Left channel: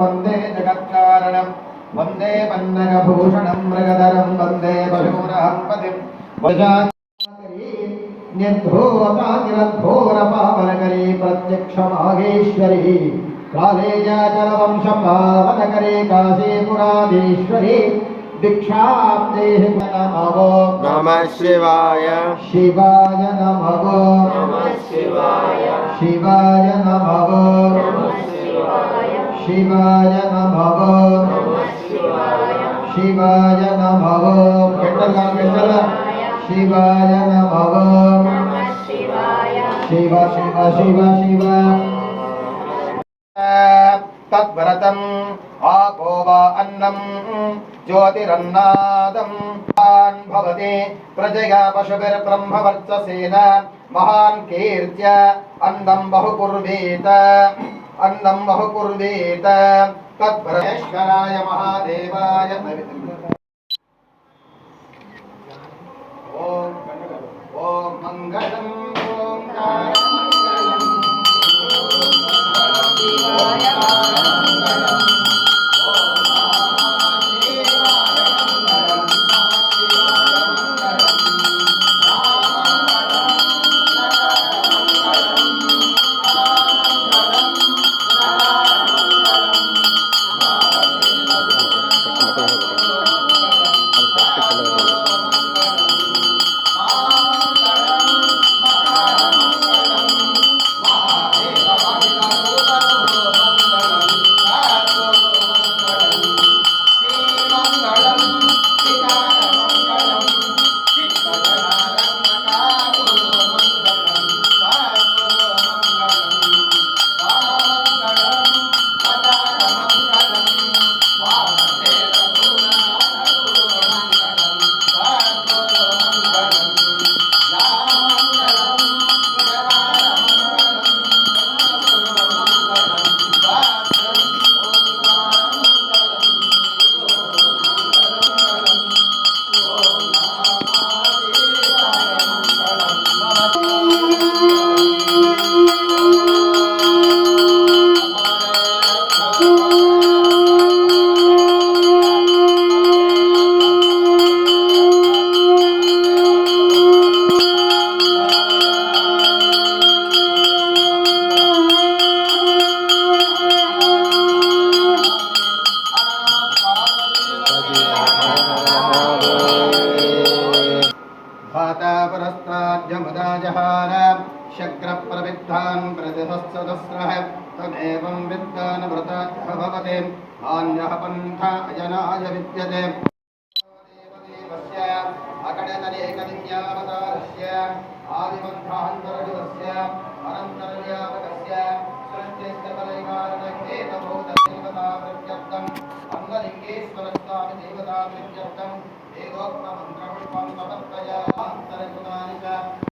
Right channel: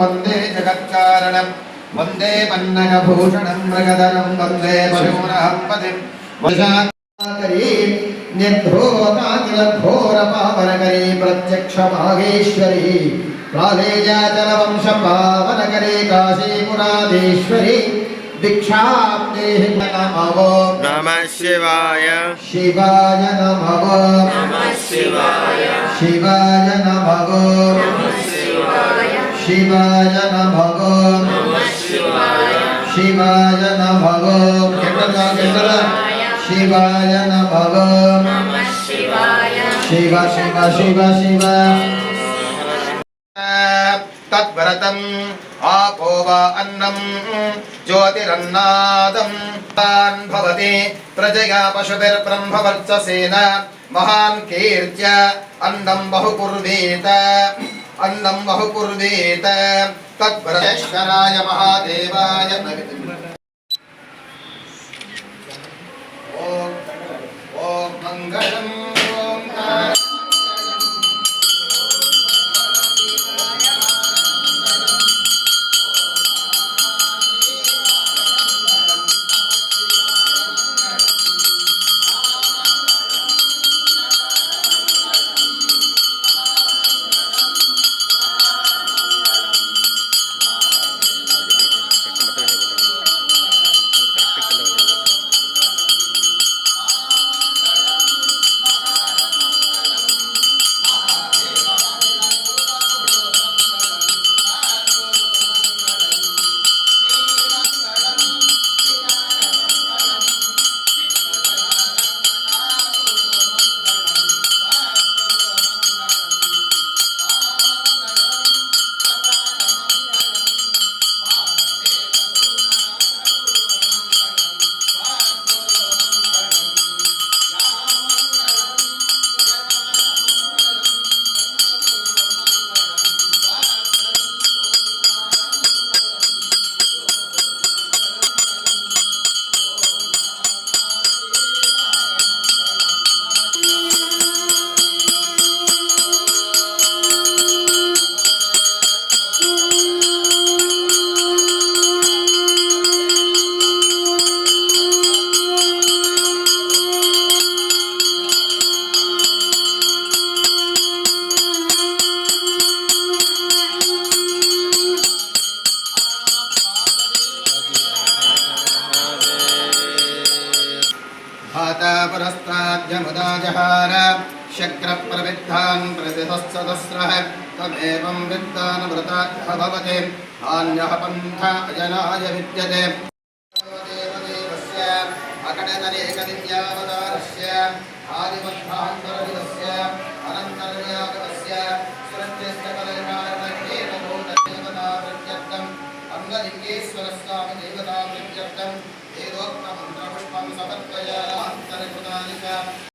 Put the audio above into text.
वंदे जगत्कारणं वंदे पन्नगभूषणं मृगधरं वंदे पशूनां पतिं वशाकरी निर्धूताखिलघोरपावनकरी प्रत्यक्षमाहेश्वरी प्रालेयाचलवंशपावनकरी काशीपुराधीश्वरी दीक्षां देहि नमो नमः शिवाय शिवाय नमो नमः शिवाय शिवाय नमो शिवाय नमो शिवाय नमो शिवाय नमो शिव शिव शिव शिव तद्व्रतम् आपो वा अन्नं ज्योतिरन्नादं भवति प्रजया पशुभिर्ब्रह्मवर्चसेन महान् कीर्त्य अन्नं बहुकुर्वीत तद्व्रतेश्वराय महादेवाय ॐ मङ्गलं पुरस्ताद्यमुदाजहार शक्रप्रविद्धान् प्रतिहस्तदस्रः तमेवं विद्वानवृताख्यः भवति अन्यः पन्था अजनाय विद्यते देवदेवस्य अकटनरेकविद्यावतारस्य आदिमध्वान्तरविदस्य अनन्तर्यागतस्य सुरञ्जस्तकलैवारणेनभूतदेवताप्रत्यर्थम् अङ्गलिङ्गेश्वरस्वामि देवताप्रत्यर्थम् वेदोक्तमन्त्रपुष्पं समर्पयामि